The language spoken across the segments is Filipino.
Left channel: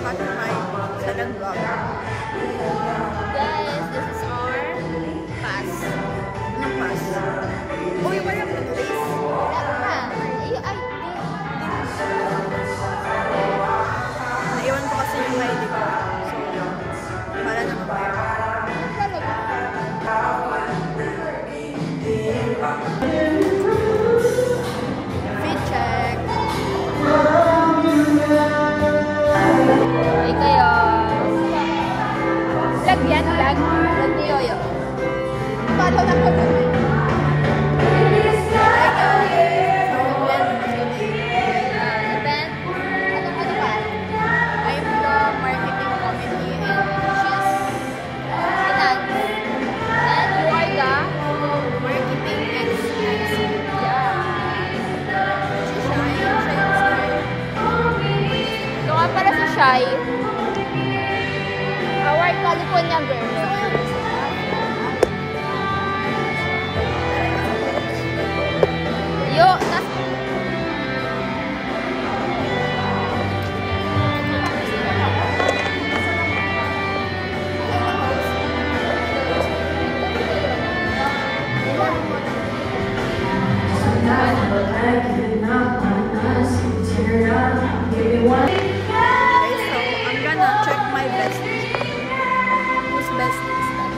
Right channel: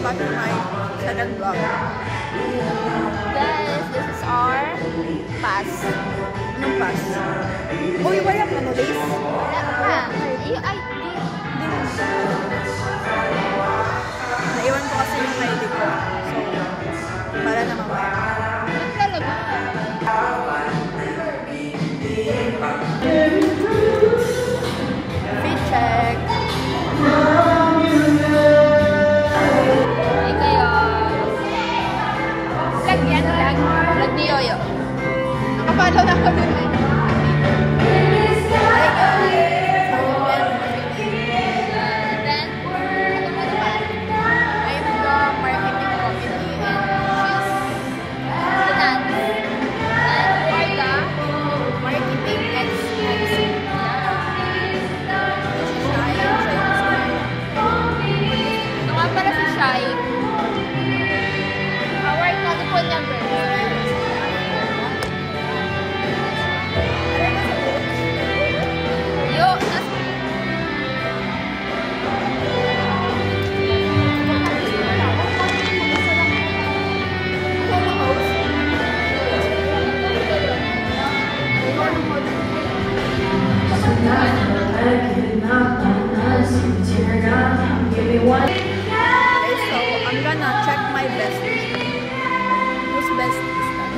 welcome back to my second vlog. This is our pass. Anong pass? Uy, wala mo ano, Lace? Naiwan ko kasi yung ID ko. So, para na mamaya. Fit check. I'm gonna check my bestie. Who's bestie is that?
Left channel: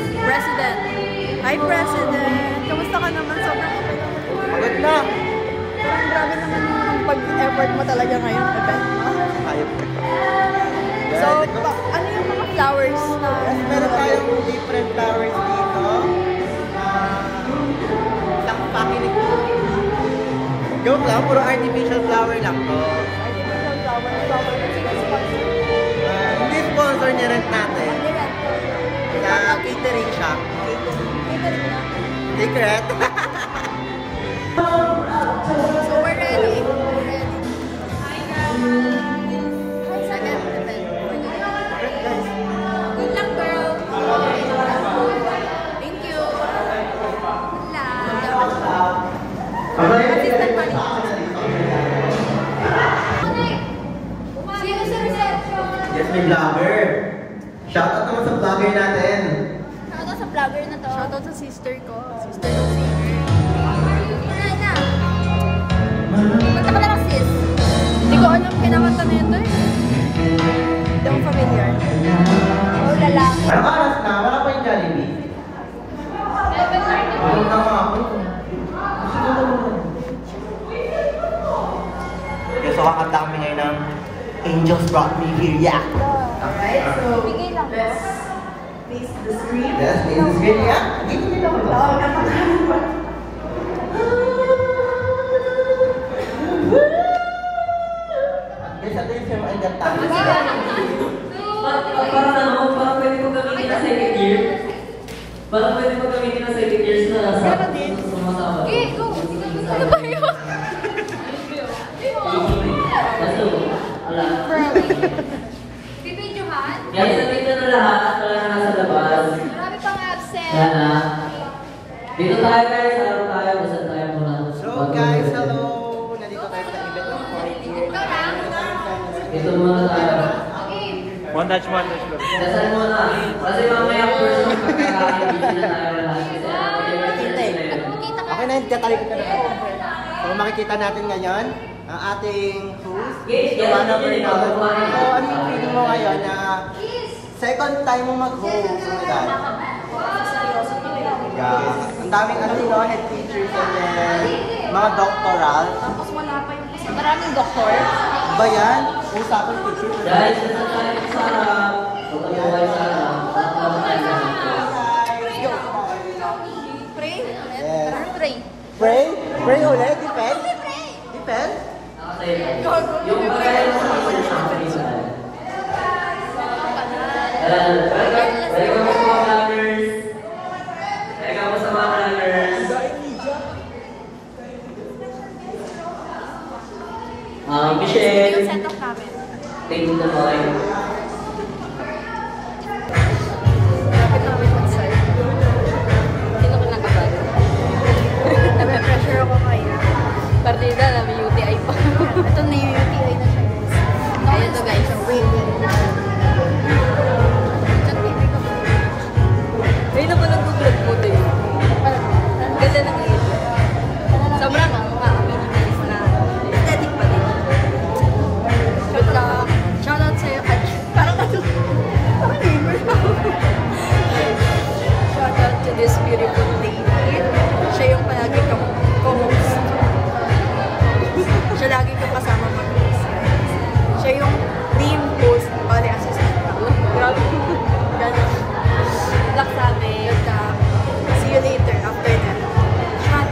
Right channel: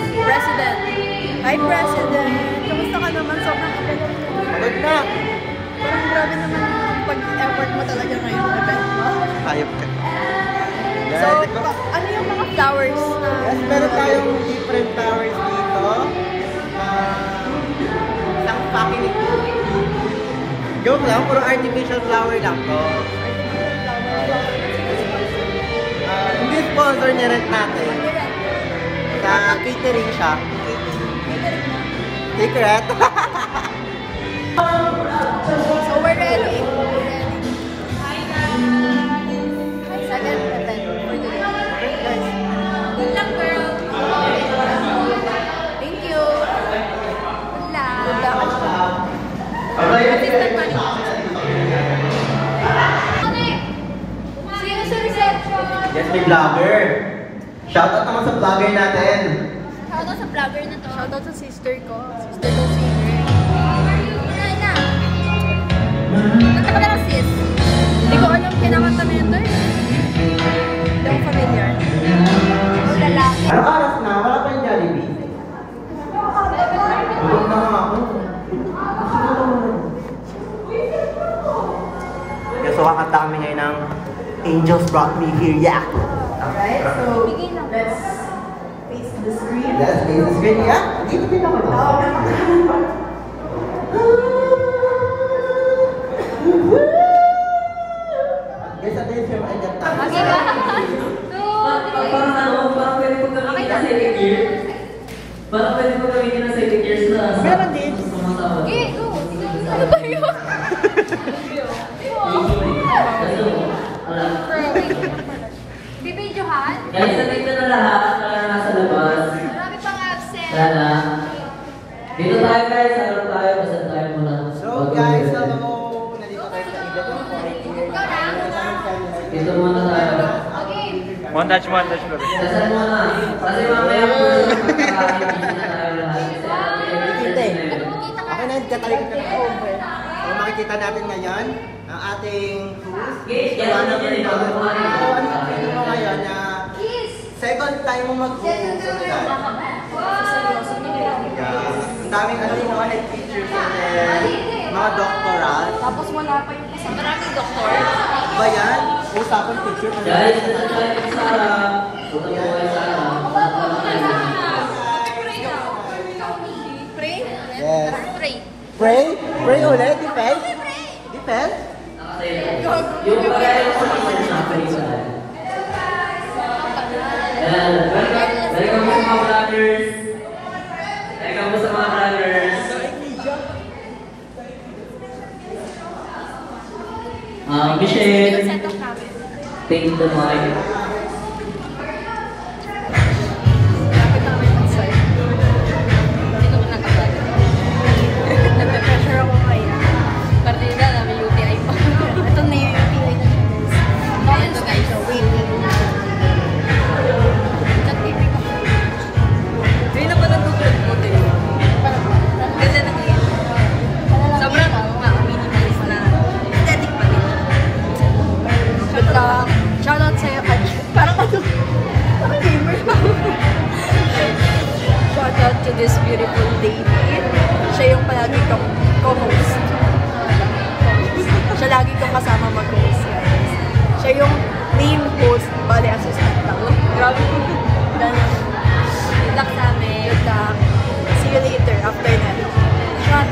Si President. Hi President! Kamusta ka naman? Sobrang abala mo naman. Pagod na! Parang grabe naman yung pag-effort mo talaga ngayon event mo. So, ano yung mga flowers na... Yes, meron tayong different flowers dito. Isang pakinig. Joke lang, puro artificial flower lang to. Artificial flower. Sino sponsor? Hindi sponsor, nirent natin. Nirent. Sa catering siya. Catering na? Secret. So we're ready. We're ready. Second event. Great guys. Good luck, girl. Thank you. Good luck. Yes, may vlogger. Shoutout naman sa vlogger natin. Shoutout sa vlogger na to. Shoutout sa sister ko. Sister ko singer. Ina. Kanta ka naman sis. Hindi ko alam kinakanta na ito. Hindi ako familiar. Wala. Anong oras na? Wala pa yung Jollibee. Huwag na nga ako. So, kakanta kami ngayon ng Angels Brought Me Here, yeah! Okay, so let's face the screen. Let's face the screen, yeah? Dito din ako. Yes, at least yung agad tayo. Parang pwede ko gamitin na second year. Parang pwede ko gamitin na second year sa sumasawa. Ano ba yun? Bibidyohan? Guys, nandito na lahat para nasa labas. Marami pang absent. Sana. Dito tayo guys, harap tayo. Basta tayo muna. So guys, hello! Nandito tayo sa event ng 4 years. Dito muna tayo. Montage ko. Dasal muna. Kasi mamaya po makakaibisin na tayo lahat. Okay na, tatay ko na over. So makikita natin ngayon ang ating host. Guys, yan na rin ako. So ano sabihin mo ngayon na second time mo mag-host. Ano dahil? Seryoso to eh. Ang daming mga head teachers and then mga doctoral. Tapos wala pa yung kasi maraming doktor. Ba yan? Usapan teacher. Guys, dito tayo sa harap. Huwag kayo kayo sa harap. Lahat lang tayo. Pray? Yes. Tara, pray. Pray? Pray ulit? Depend? Depend? Yung bagay mo sa pag-isa. Welcome po sa mga vloggers. Welcome po sa mga vloggers. Michelle. Yung setup namin. Thank you so much. Lapit na kami mag-start. Hindi ka mo nakabali. Nape-pressure ako ngayon. Partida, namin UTI pa. Ito na to this beautiful lady. Siya yung palagi kong co-host. Siya lagi kong kasama mag-host, guys. Siya yung main host, bale assistant lang. Grabe. Ganun. Good luck sa amin. Good luck. See you later after neto. Shot.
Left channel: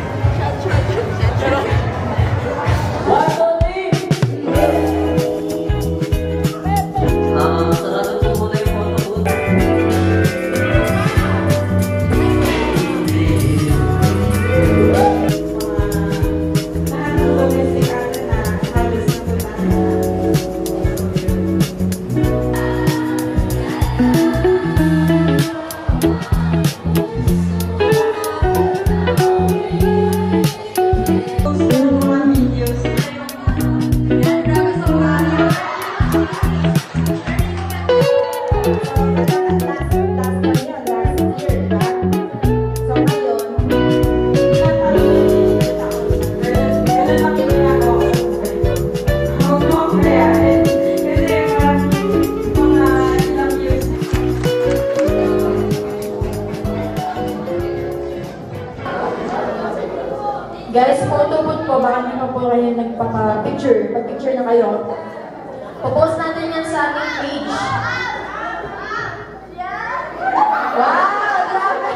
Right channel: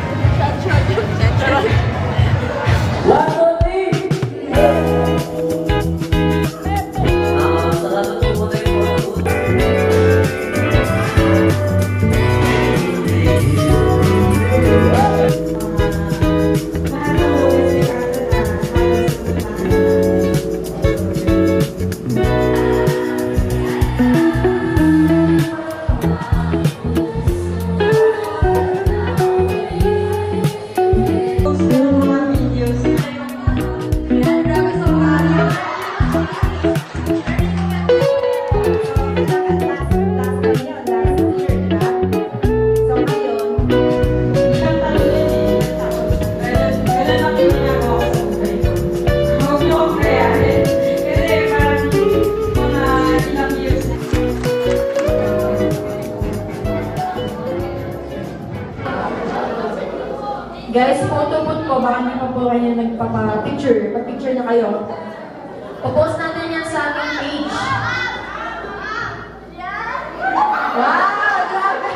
Guys, photo booth po, baka hindi pa po kayo nagpaka-picture. Pag-picture na kayo. Popost natin yan sa ating page. Wow! Grabe!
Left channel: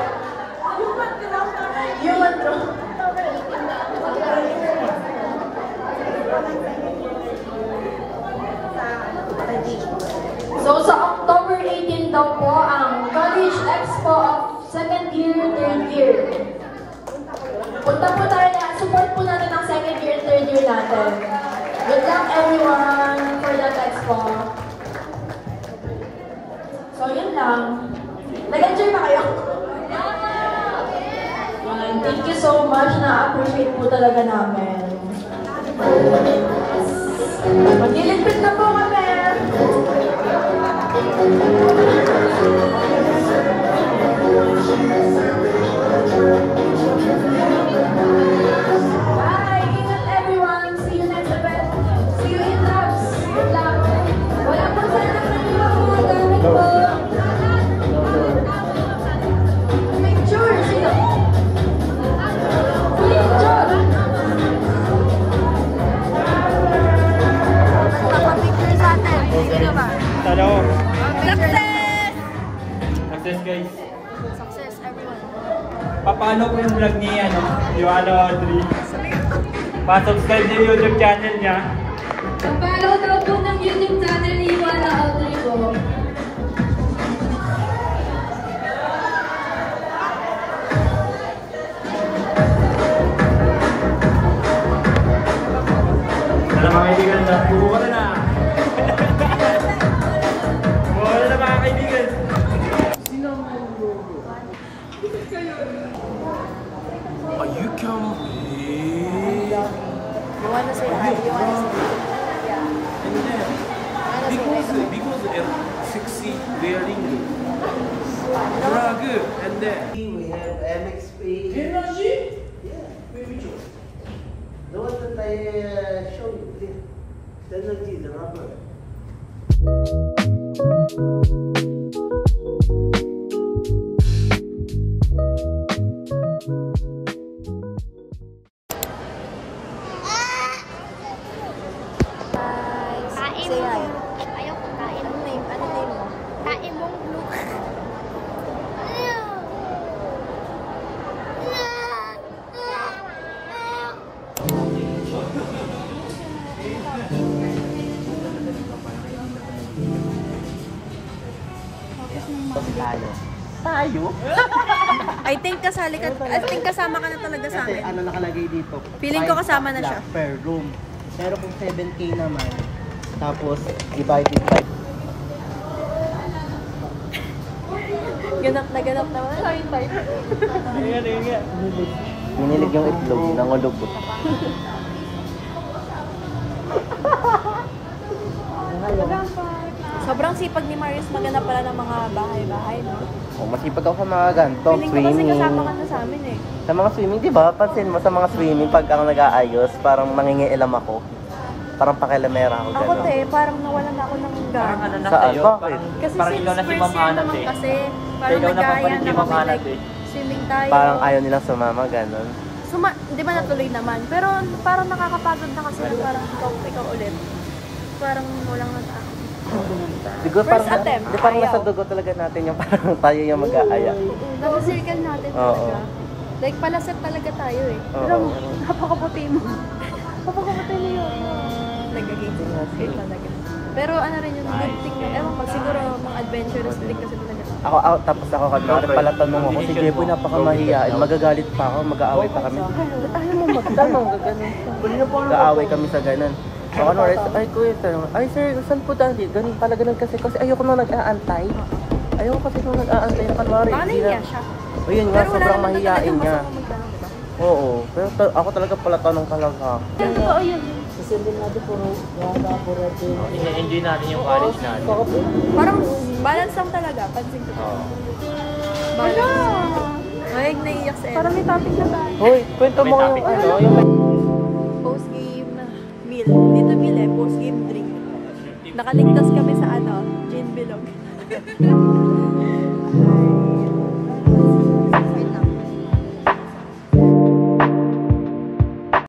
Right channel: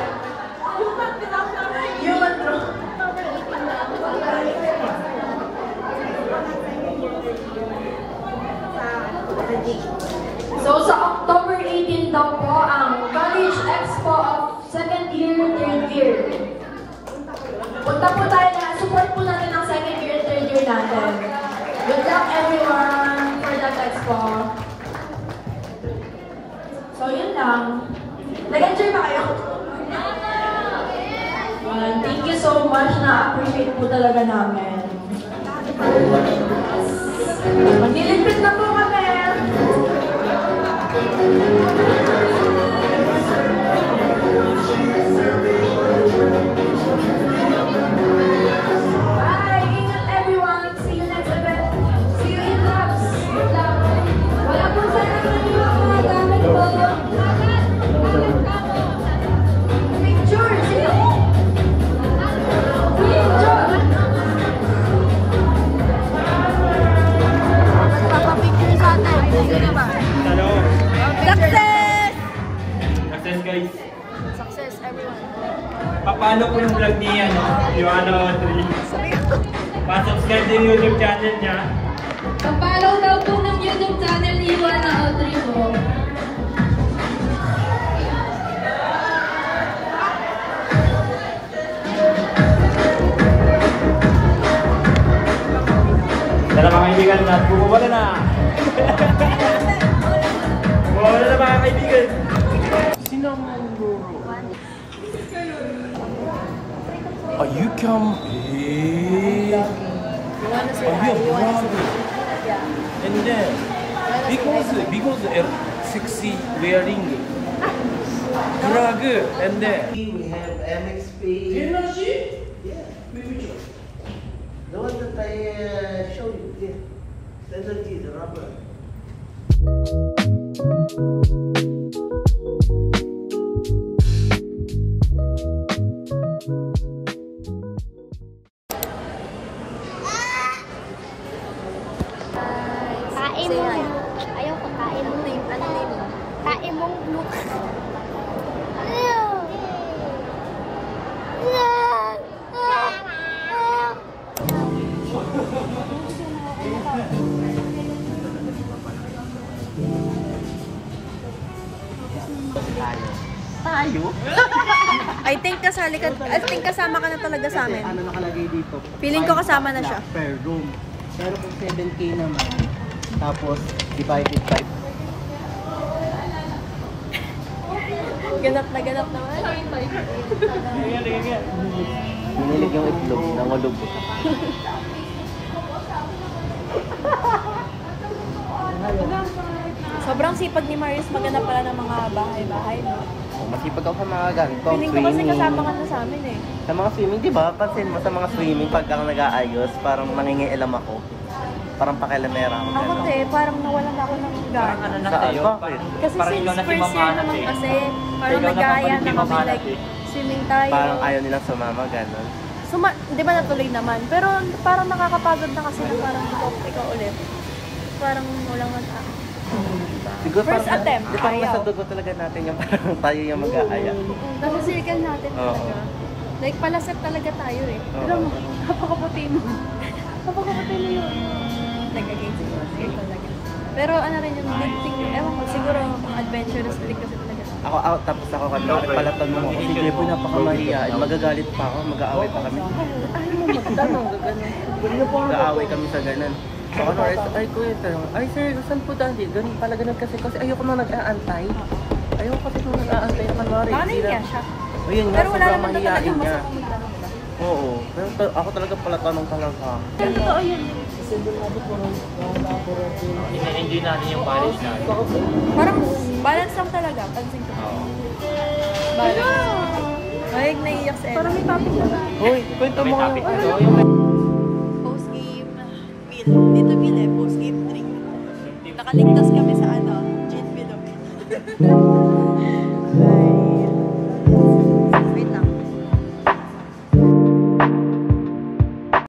Human draw. So, sa October 18 daw po, ang College Expo of 2nd year, 3rd year. Punta po tayo na, support po natin ang 2nd year, 3rd year natin. Good luck everyone for that expo. So yun lang. Nag-enjoy ba kayo? Thank you so much, na-appreciate po talaga namin. Magliligpit na po kami. Success, everyone. Papalo ko yung vlog niya, Iwana Audrey. Pa-subscribe din yung YouTube channel niya. Kapalaw daw po ng YouTube channel ni Iwana Audrey po. Tara mga kaibigan, bumawala na! Bumawala na mga kaibigan! You can I'm vlogging. You wanna say hi? You wanna say hi? Yeah. And then, You wanna say hi to my because sexy wearing rug, and then We have MXP. energy. Yeah. The one that I showed you. Yeah. Energy, the rubber. Say hi. Ayaw ko tae. Ano name mo? Tae mong blue. Tayo? I think kasama ka na talaga sa amin. Ano nakalagay dito? Feeling ko kasama na siya. Per room. Pero kung 7K naman, tapos divided by Ganap naman. Minilig yung itlog, nangulog. Sobrang sipag ni Marius maghanap pala ng mga bahay-bahay, no? Masipag ako mga ganito. Feeling ko kasi kasama ka na sa amin eh. Sa mga swimming, di ba? Pansin mo sa mga swimming, pagka nag-aayos, parang nangingialam ako. Parang pakilamera. Ako parang nawalan ako ng gana. Saan? Bakit? Kasi since first year naman kasi, parang nag-aaya na kami like Swimming tayo. Parang ayaw nilang sumama, gano'n. Di ba natuloy naman? Pero parang nakakapagod na kasi na parang ikaw ulit. Parang walang nata. Siguro First parang- attempt, di parang ayaw. sa dugo talaga natin yung parang tayo yung mag-aaya. Oo, nasa circle natin talaga. Like, palaset talaga tayo eh. Oo. Napakabuti mo. Napakabuti mo yun. Nag-against circle talaga. Pero ano rin yung good thing na, ewan ko, siguro mga adventurous din kasi talaga tayo. Ako, tapos ako kanina, pala tanong ako, si Jebo napakamahiyain, magagalit pa ako, mag-aaway pa kami. Mag-aaway kami sa ganun. So ano, ay kuya, ay sir, saan po dati? Ganun pala ganun kasi ayoko nung nag-aantay. Ayoko kasi nung nag-aantay. Baka nahiya siya. Ayun nga, Pero wala sobrang naman na mahiyain talagang ka. masamang magtanong, di ba? Oo, pero ako talaga pala tanong ka lang ha. Totoo yun. Enjoy natin yung Oo. college natin. Parang balance lang talaga. Pansin ko talaga. Balance. Ay, naiiyak si Ella. Hoy, kwento mo yung Post-game meal. Dito meal eh. Post-game drink. Nakaligtas kami sa gin bilog.